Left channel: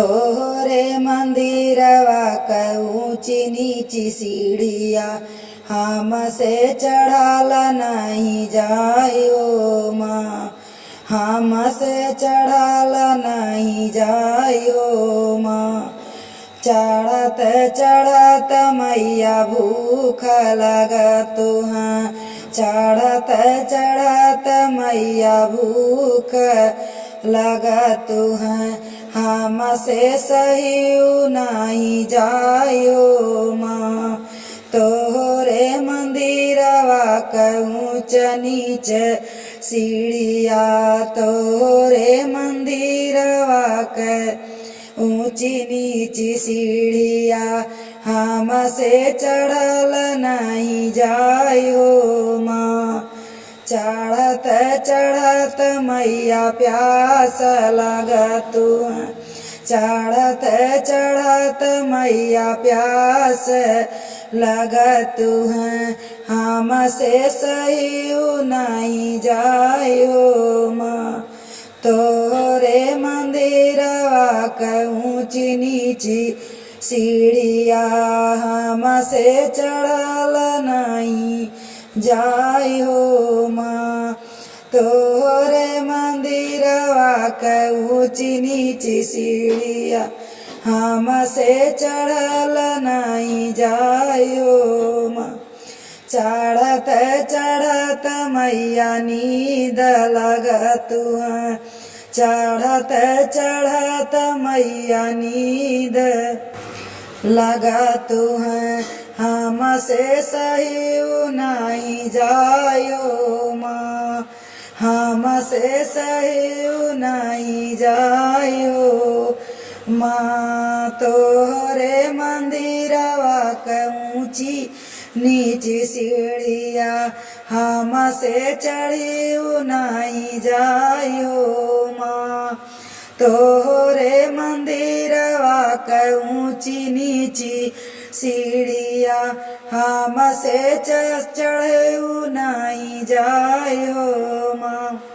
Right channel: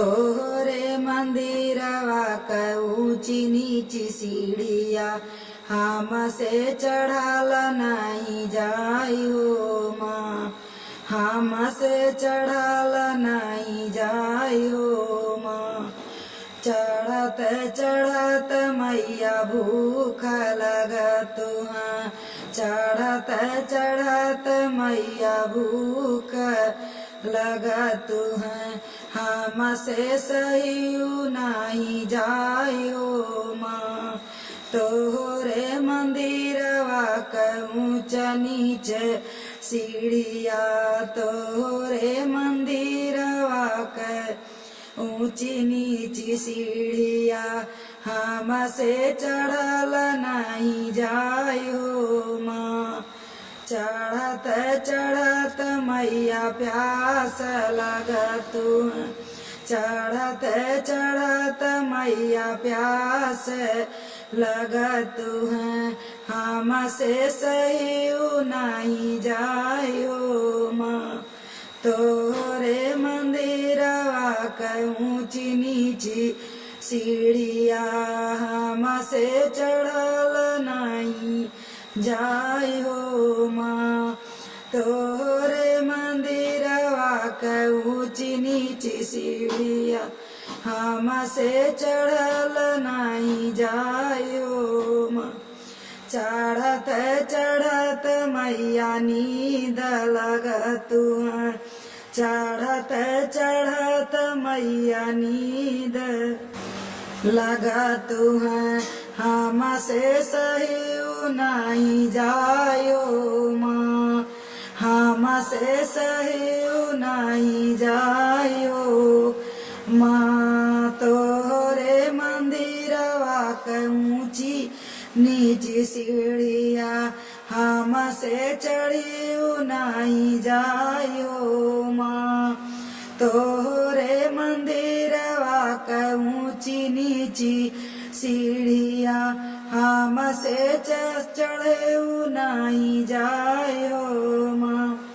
तोहरे मंदिरवा क ऊंची नीची सीढ़िया हमसे चढ़ाल नहीं जायो माँ, हमसे चढ़ाल नहीं जायो माँ। चढ़त चढ़त मैया भूख लगत हाँ, चढ़त चढ़त मैया भूख लगत हैं। हमसे सहियो नहीं जायो माँ, तोहरे मंदिरवा क ऊंच नीच सीढ़िया, तोहरे मंदिरवा क ऊंची नीची सीढ़िया हमसे चढ़ल नहीं जायो माँ। चढ़त चढ़त मैया प्यास लगत हैं, चढ़त चढ़त मैया प्यास लगत हैं। हमसे सहियो नहीं जायो माँ, तोहरे मंदिरवा क ऊंची नीची सीढ़िया हमसे चढ़ल नहीं जायो माँ। तोहरे मंदिरवा क ऊंची नीची सीढ़िया हमसे चढ़ल नहीं जायो माँ। चढ़त चढ़त मैया नींद लगत हैं, चढ़त चढ़त मैया नींद लगत हैं। हमसे सहियो नहीं जायो माँ, हमसे सहियो नहीं जायो माँ। तोहरे मंदिरवा क ऊंची नीची सीढ़िया हमसे चढ़ियो नहीं जायो माँ, तोहरे मंदिरवा क ऊंची नीची सीढ़िया हमसे चढ़ियो नहीं जायो माँ।